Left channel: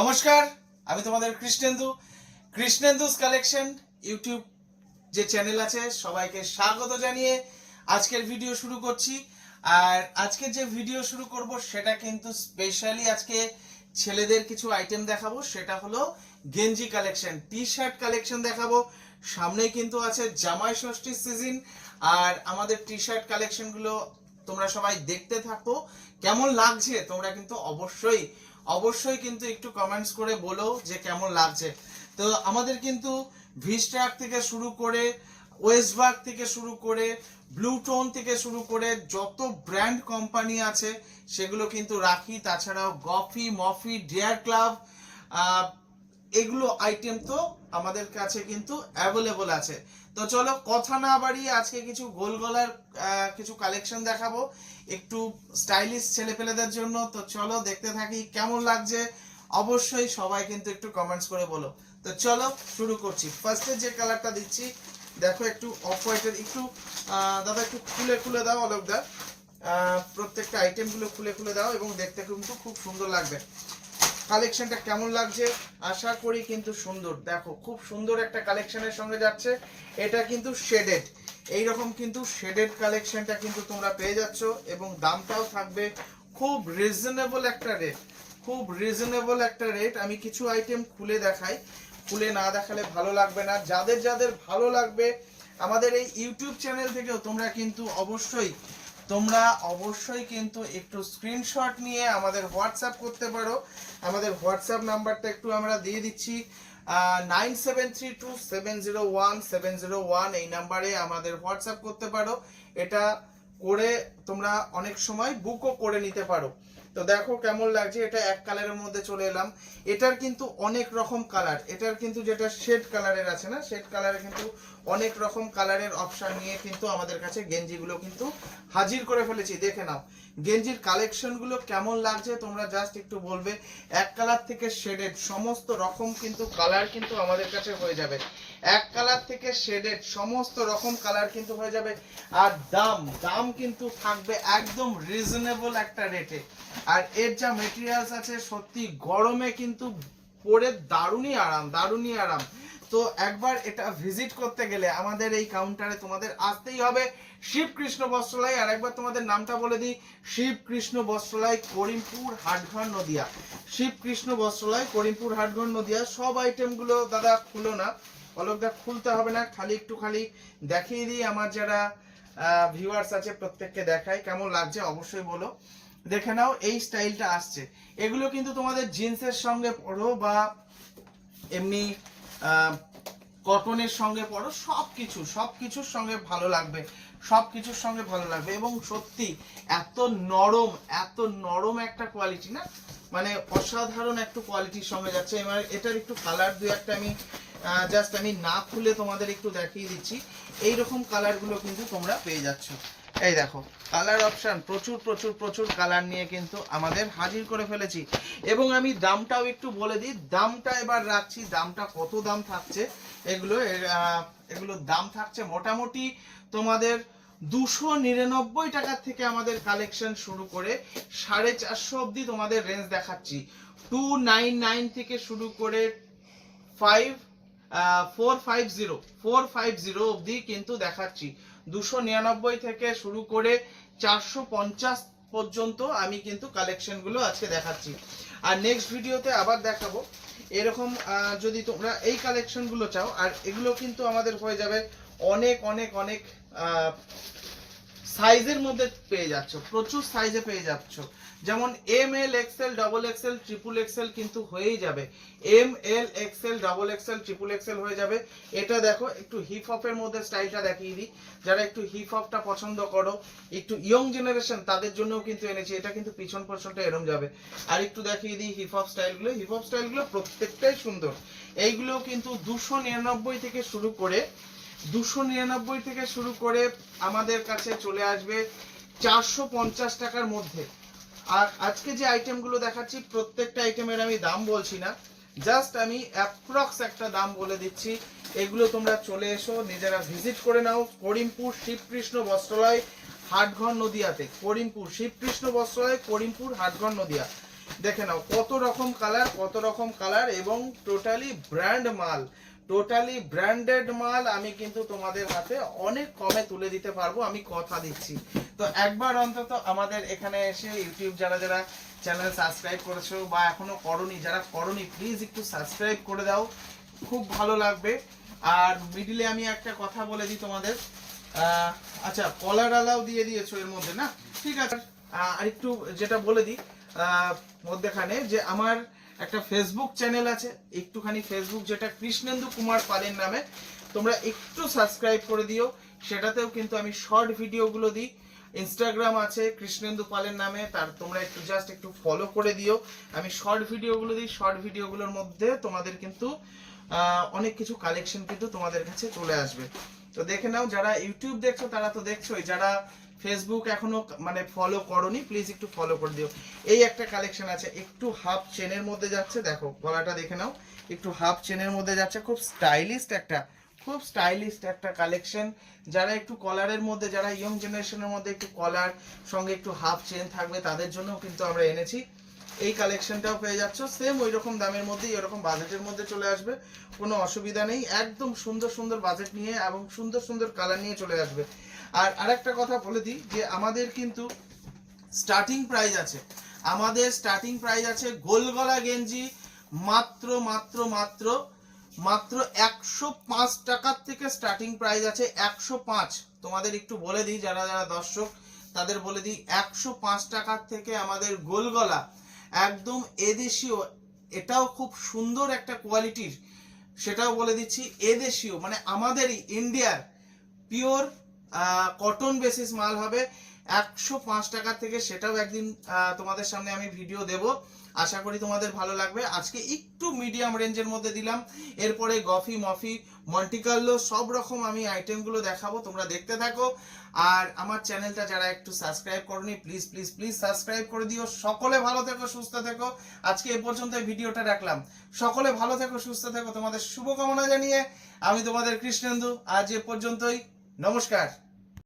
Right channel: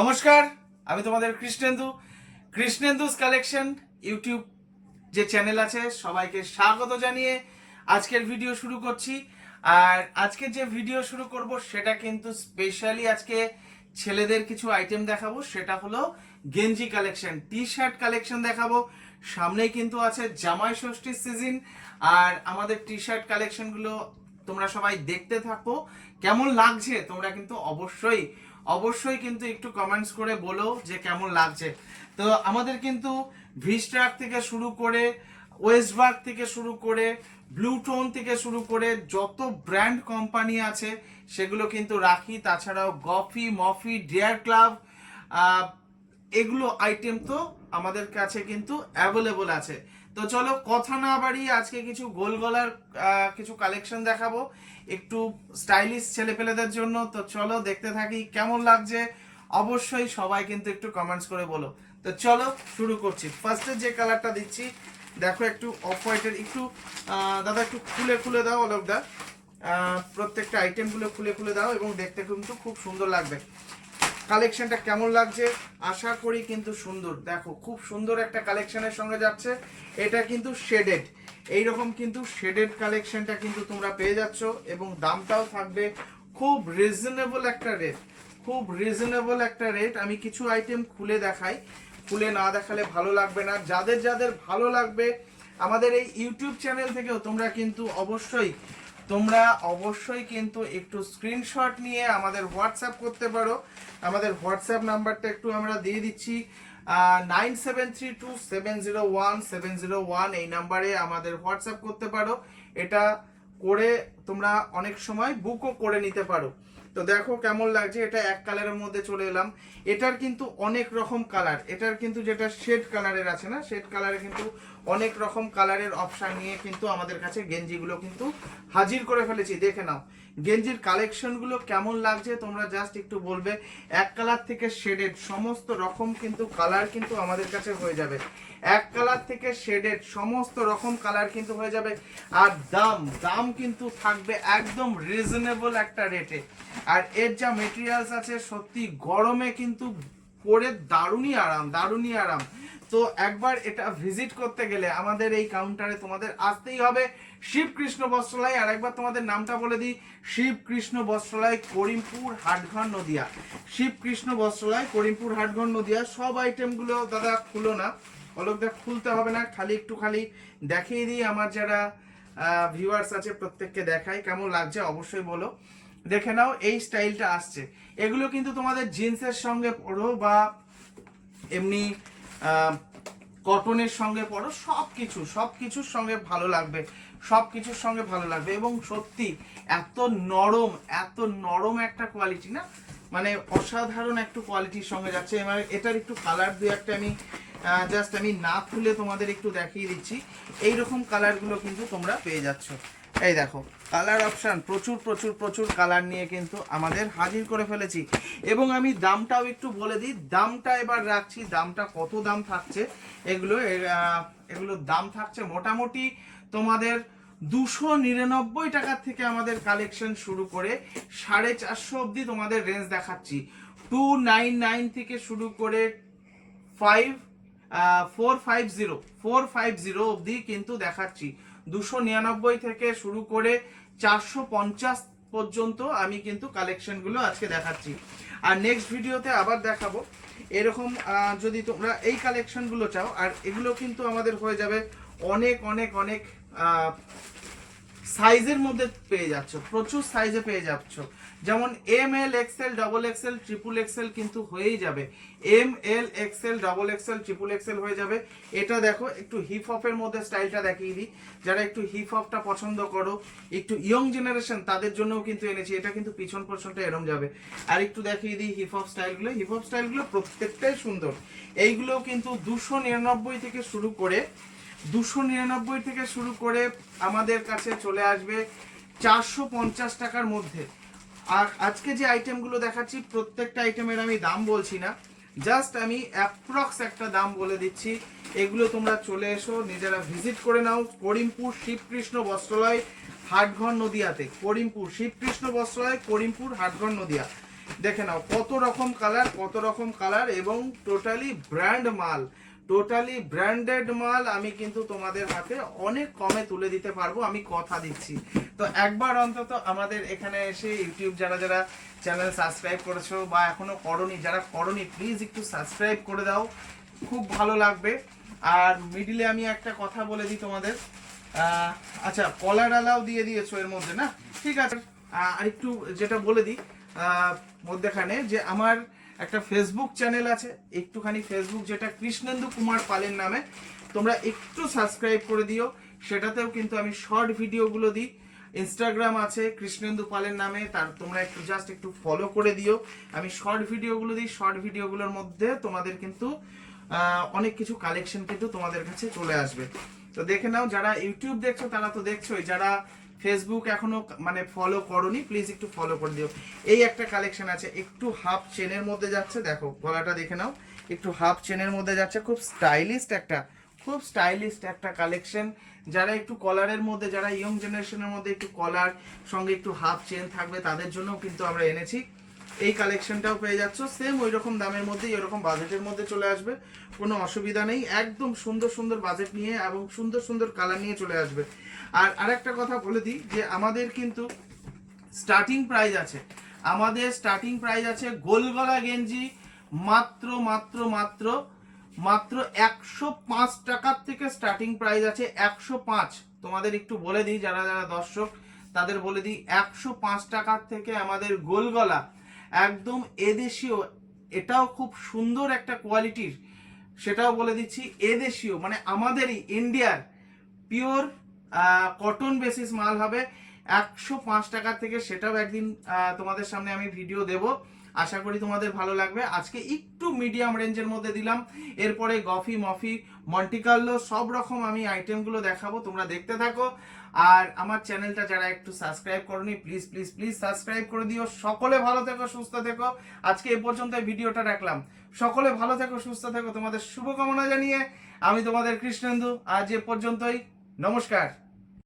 নমস্কার, আমি তোমাদের কৃষ্ণেন্দুস কালেকশন ইউটিউব যে চ্যানেল আছে সবাইকে স্বাগত জানিয়ে আজকের ভিডিও শুরু করছি। আর আজকে যে ভিডিও শুরু করব সেটা কিন্তু স্পেশালি আজকে ছেলেদের কিছু আইটেম দেখাবো, সেটা হলো গেঞ্জি কালেকশন, টি শার্ট কালেকশন দেখাবো। সামনেই কিন্তু আছে জামাই ষষ্ঠীর সিজন, আর আমাদের টি শার্ট কালেকশনগুলো তোমরা সবাই দেখতে থাকো। কেমন লাগছে তোমরা কিন্তু অবশ্যই কিন্তু একটু কমেন্টস করে বলো যে কেমন লাগছে। তো আমাদের কিন্তু ভিস্ট্রাক থেকে শুরু করে ওয়েস্টবার্গ থেকে শুরু করে ব্লুটোন থেকে শুরু করে যত ব্র্যান্ড কোম্পানি আছে সেগুলো কিন্তু রাখি। তাছাড়াও গফি, মফি, ডিয়ার ক্লাব, এগুলো আইটেম তো আমাদের কাছে কিন্তু অ্যাভেলেবল আছে। তো চলো কথা না বাড়িয়ে আজকে কিছু গোল গলার কিছু কালেকশন দেখাবো একটু স্টাইলিশ ছেলেপেলেদের জন্য। তো চলো দেখতে থাকি কেমন লাগছে, অবশ্যই সবাই কিন্তু একটু কমেন্টস করে বলো। তো চলো শুরু করছি। ফার্স্টে যে কালারটা দিচ্ছি দেখো, একটু অফ হোয়াইটের, একটু দাদা একটু খুলে দাও অলোকদা, প্রত্যেকটা আইটেমগুলো খুলে দাও এবং দেখতে কিন্তু খুব সুন্দর লাগবে। কালেকশনটা কেমন লাগছে আশা করি কিন্তু সুন্দর। দেখো খুব সুন্দর একটা কালেকশনের সঙ্গে যাচ্ছে। এটা কিন্তু শেডেড, এইরকম কিন্তু শেডেড কালেকশনটা কিন্তু তোমরা পেয়ে যাচ্ছ এবং দামটাও থাকবে খুব রিজনেবল একটা রেট। আমি কিছু আইটেম খুলে দেখাই, খুলে না দেখালে ভালো লাগবে না। যাদের ভালো লাগবে আমাদের এই ইউটিউব চ্যানেল থেকেও তোমরা অবশ্যই কিন্তু একটু স্ক্রিনশট নিয়ে আমাদের হোয়াটসঅ্যাপ করতে পারো। আমাদের হোয়াটসঅ্যাপ নাম্বারটা একটু আমরা দিয়ে দিচ্ছি, 9732701701 এই নাম্বারে আমাদের হোয়াটসঅ্যাপ করতে পারো। এটা করে তোমরা অনেক সময় বুকও করে নিতে পারো। তো দেখো কেমন লাগছে, এটা এক কালারের মধ্যে চলে এলাম। এটার কিন্তু অনেক রকম কালার, এটার কিন্তু যেটা শেড কালারের আছে না, শেড কালারে কিন্তু অনেক রকম কালারের অপশন নিয়ে কিন্তু আমাদের কাছে গেঞ্জিগুলো কিন্তু হাজির করে ফেলেছি। দেখে নাও গেঞ্জির কালেকশনগুলো কেমন লাগছে তোমরা জাস্ট একটু বলবে। এক কালার থেকে শেডেড সমস্ত রকম কিন্তু কালার কিন্তু আমাদের কাছে হয়ে যাবে। এক কালার থেকে শেডেড সমস্ত রকম কালার কিন্তু হয়ে যাবে। আর দাম কিন্তু থাকবে একদম রিজনেবল একটা রেটে। আর এর যা মেটেরিয়ালস আছে সত্যি গরমে কিন্তু পরে দারুণই আরাম। তো একবার এটা ভিজিট করতে গেলে আমাদের এই কাউন্টারে তোমাদের আসতেই হবে। শিবকৃষ্ণ বস্ত্রালয়, আর একবার তোমাদের নামটা বলে দিই, শিবকৃষ্ণ বস্ত্রালয়, করিমপুর, হাটঘর, নদিয়া। শিবকৃষ্ণ বস্ত্রালয়, করিমপুর, হাটঘর, নদিয়া। সব আইটেমগুলো দাদা খুলো না, অলোকদা খুলতে হবে না, খালি দেখিয়ে দিই। আমার যারা ভিউয়ার্স আছে প্রত্যেককে দেখাই, কেমন লাগছে অবশ্যই বলো। দেখে নাও এই স্টাইলটা আসছে, এগুলো কিন্তু তোমাদের জিন্সের সঙ্গে পরো বা এমনি কটনের সঙ্গে পরো, সবকিছুর সঙ্গে ভালো লাগবে, এবং সত্যি এত নরম একটা কোয়ালিটি না, মানে অসাধারণ একটা কোয়ালিটির সঙ্গে যাচ্ছে। এবার এটার একটু কালার দু একটা আমি জাস্ট আমি না খুলে তোমাদের একটু দেখিয়ে দিচ্ছি। এইরকম কালারগুলো কিন্তু তোমরা পেয়ে যাচ্ছ। এই দেখো কালার অপশন প্রচুর কালার নিয়ে কিন্তু আমাদের হাজির করে ফেলেছি। এবং আমি দামটাও একটু বলে দিই, দামটা এবার রাখছি, দামটা কত দাম থাকছে এগুলো দাম থাকছে মোটামুটি তোমাদের 299 টাকা থেকে আমাদের কালেকশন শুরু করে 450 অবধি তোমাদের রেঞ্জ দেখাচ্ছি। 299 থেকে শুরু করে 450 অবধি কিন্তু দেখাচ্ছি। 299 থেকে শুরু করে 450 পর্যন্ত আমি কিন্তু কালেকশনগুলো আজকে দেখাচ্ছি। আর নেক্সট ভিডিওতে আবার দেখাবো এরকম যদি তোমরা এই কালেকশনগুলো চাও। আর এগুলো কিন্তু আমাদের হয়ে যাবে অনেক সাইজের মধ্যে পেয়ে যাচ্ছ, প্রচুর সাইজে পেয়ে যাচ্ছ। যেমন ML XL double XL triple XL কিন্তু হয়েই যাবে। ML XL double XL triple XL হয়ে যাবে। এটা দেখো একটু হিপ হপের মধ্যে স্টাইলটা দেখিয়ে দিই, যারা একটু হিপ হপটা পছন্দ করো, একটু ইয়ং জেনারেশন তাদের জন্যও কিন্তু এনেছি। এটা কিন্তু পিছন পোর্শনটা এরম যাবে। আর একটু দেখিয়ে দিই হিপ হপ স্টাইলগুলো প্রত্যেকটাই সুন্দর। এইগুলো কিন্তু 299 থেকে শুরু করে আমাদের কাছে চলে আসবে 450 টাকার মধ্যে। আর আজকে যে আইটেমগুলো দেখাচ্ছি প্রত্যেকটা আইটেমের আমি দাম বলছি না, জাস্ট আমি অ্যাপ্রক্স একটা দাম বলে দিচ্ছি। এগুলো তোমরা চলে এসো, নিজেরা ভিজিট করে নাও। করিমপুর শিবকৃষ্ণ বস্ত্রালয়, হাটঘর, নদিয়াতে। করিমপুর শিবকৃষ্ণ বস্ত্রালয়, করিমপুর, হাটঘর, নদিয়া। দেখে নাও কত রকম কালার এবং টোটালি ব্র্যান্ড মাল, টোটালি ব্র্যান্ডেড মাল আমি কিন্তু তোমাদের হাতে অনেক কমে তুলে দিতে পারবো, আমি কথা দিচ্ছি। তো একবার অন্তত আমাদের এখানে এসে ইউটিউব যারা যারা চ্যানেল সাবস্ক্রাইব করেছো বা এখনো করনি, যারা করনি প্লিজ একটু সাবস্ক্রাইব করে দাও, খুব ভালো লাগবে। আর মিডিলে আমি একটা কথা বলে দিই তোমাদের, আচ্ছা কলার আলাও দিয়ে দিয়েছো এর মধ্যে না, ঠিক আছে। আর একটু যেটা বলে দিই মধ্যখানে, যে আমার একটা ফেসবুক চ্যানেল আছে, একটুখানি ফেসবুক, যেটা কৃষ্ণেন্দু কুমার পালের নামে, তোমরা একটু সাবস্ক্রাইব করে দিও। সেটাতেও কিন্তু আমি শর্ট ভিডিওগুলো দিই। ইনস্টাগ্রাম আছে কৃষ্ণেন্দু পালের নামে, তার তোমরা একটু জাস্ট একটু ফলো করে দিও। আমি শর্ট ভিডিওগুলো দিই, শর্ট ভিডিওগুলোর মধ্যে তোমাদের কিন্তু অনেক কিছু কালেকশন কিন্তু তোমাদের কাছে চলে আসবে। তো দেখে নাও, যারা ইউটিউব দেখছো তারা তো দেখছোই, যারা ফেসবুক এখনো মানে ফলো করনি প্লিজ একটু ফলো করে দিও। এই একটা কালেকশন আছে, একটু হাফ চেনের মধ্যে যাচ্ছে, দেখো গলাটা দেখে নাও, একটু হাফ চেনের মধ্যে যাচ্ছে, খুব স্টাইলিস্ট একটা কালেকশন। যারা একটু কলারের মধ্যে, যারা ইয়ং জেনারেশনের মধ্যে একটু কলার সঙ্গে একটু হাফ চেন থাকবে তাদের জন্য কিন্তু আমরা এনেছি। এই কালেকশনটাও পেয়ে যাচ্ছ সেম ওই রকম দামের মধ্যে, এরকম বাজেটের মধ্যে চলে আসবে, কোনো অসুবিধা নেই। একদম সুন্দর বাজেট নিয়ে এবং সুন্দর কালার নিয়ে চলে আসবে। আর আরেকটা কথা বলে দিই যে আমাদের কিন্তু স্টার্টিং প্রাইস আছে, গোল গলা গেঞ্জি মাত্র 105 টাকার থেকে স্টার্টিং প্রাইস আছে, 105। তোমাদের একটু বলে দিই, যারা যারা দর্শক তাদের বলে দিই, 105 টাকার থেকে আমাদের গোল গলা একদম এদেশীয়, এটাও খুব সুন্দর একটা কোয়ালিটির, সেটাও বলে দিচ্ছি, এদেশীয় মানে আমাদেরই ইন্ডিয়ার পিওর কটন বেসিস মাল হবে 105 টাকা থেকে। সেটাও একদিন তোমাদের সামনে আমি ভিডিও দেব, আশা করি তোমাদের ভালো লাগবে। আজকে একটু মিডিয়াম রেঞ্জের মধ্যে দিলাম, এরপরে গফি মফি মন্টিকার্লো সব রকম আমি আইটেমগুলো দেখাবো, তোমরা দেখতে থাকো। আর আমার চ্যানেলটা যারা একটু সাবস্ক্রাইব করনি প্লিজ সাবস্ক্রাইব করে দিও। সকলে ভালো থেকো, সুস্থ থেকো। আজকে এ পর্যন্ত ভিডিওটা রাখলাম, সকলে ভালো থেকো, সুস্থ থেকো, তোমাদের শুভকামনা জানিয়ে আমি তোমাদের কৃষ্ণেন্দু, আজ এ পর্যন্তই, নমস্কার।